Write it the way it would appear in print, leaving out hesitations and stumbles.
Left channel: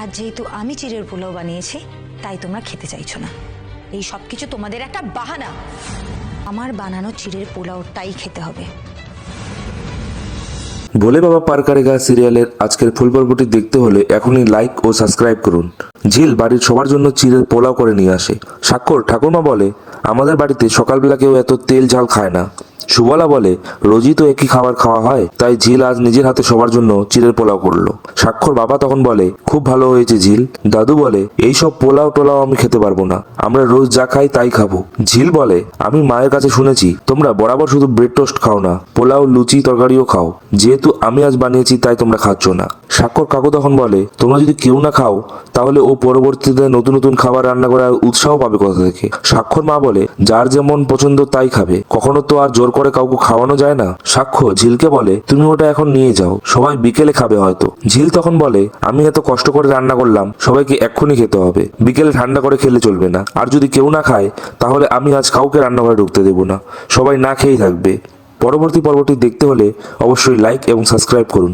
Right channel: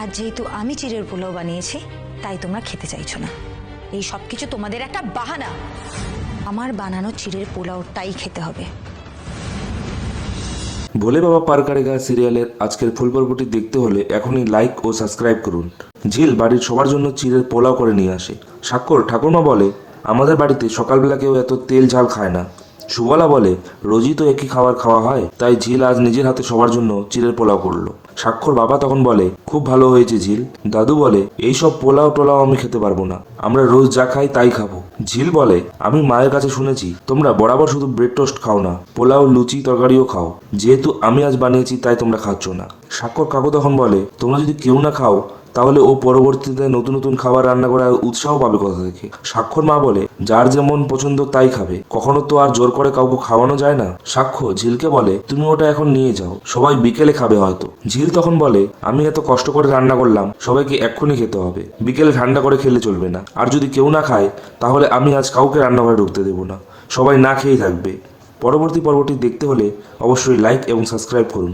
আর যেহেতু আমি চিড়ের পোলাও বানিয়েছি তাই তোমরা খেতে চাইছো না। এই সব কিছু তোমাদের একটা বাহানা। আমার বানানো চিড়ের পোলাওটাই খেতে হবে। ভোলে বাবা পার করেগা সিরিয়ালের আজকের ফুল পর্বটি দেখতে হলে এখনই লাইক ও সাবস্ক্রাইব করুন। ঝিল বাড়ির সবার জন্য চিড়ের পোলাও করে নিয়ে আসে। স্বাক্ষর ঠাকুমা বলে, আমাদের বাড়িতে সকালবেলা কেউ এত তেল ঝাল খায় না। সুবলা বলে, রোজই তো একই খাবার খাওয়া হয়, তাই ঝিল আজ নিজের হাতে সবার জন্য চিড়ের পোলাও করলো। স্বাক্ষর বাবা তখন বলে, খুব ভালো হয়েছে ঝিল। দাদু বলে, এই সব পোলাও টোলাও আমি খেতে পারবো না, আমরা রোজ যা খাই তাই খাবো। ঝিল বলে, আমি মায়ের কাছে শুনেছি তোমরা বরাবর শুধু ব্রেড টোস্ট খাও না, পোলাও লুচি তরকারিও খাও। যেহেতু আমি আজ বানিয়েছি তাই তোমরা খাচ্ছ না। স্বাক্ষর কাকু তখন বলে, তোমরা যদি কেউ না খাও তাহলে ও পরবর্তীতে নতুন নতুন খাবার রান্না করার উৎসাহ পাবে কোথা থেকে। স্বাক্ষর মা বলে, যার যেমন পছন্দ তাই খাবে, কখনো তো আর জোর করে কাউকে খাওয়ানো যায় না। সাক্ষ্য ঝিলকে বলে, তুমি ওটা এখন নিয়ে যাও, সবাই বিকেলে খাবে হয়তো। ঝিল তখন বলে, আমি এত কষ্ট করে রান্না করলাম, সবাইকে এক্ষুনি খেতে হবে, বিকেলে ঠান্ডা করে খেলে চলবে না। আর যদি কেউ না খায় তাহলে আমি আজ কাউকে রান্নাঘরে ঢুকতে দেবো না, সবাই না খেয়েই থাকবে। পরবর্তী পর্বটি দেখতে হলে অবশ্যই লাইক এবং সাবস্ক্রাইব করুন।